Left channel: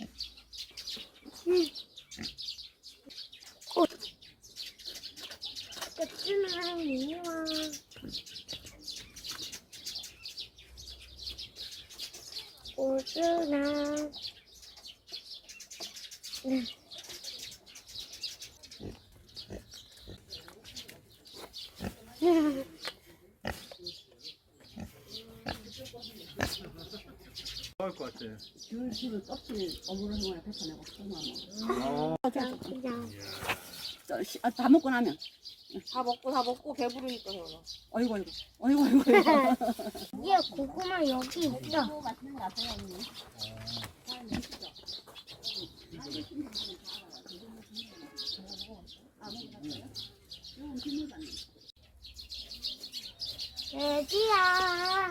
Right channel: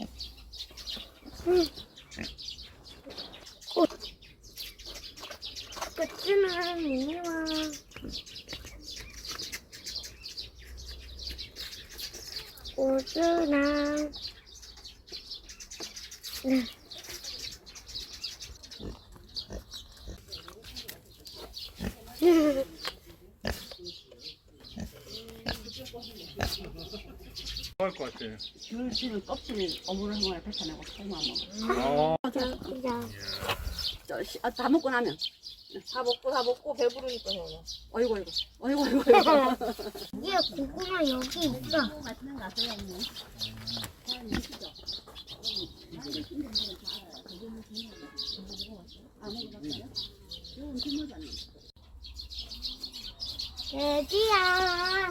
うんこっちの耳は。おずな。うん。 나. 네. 할것 같아. 귤 귤을 껍질 어물을 한번에 뱉어내고 소금하면 어. 그냥, 그냥. 저, 시- 아, 다 먹고 나면 다 먹고 다 먹고 배부르니까 뭐. 어이구 어이구 어이구 어이구 야, 고구마 여기 있어. 돼지야.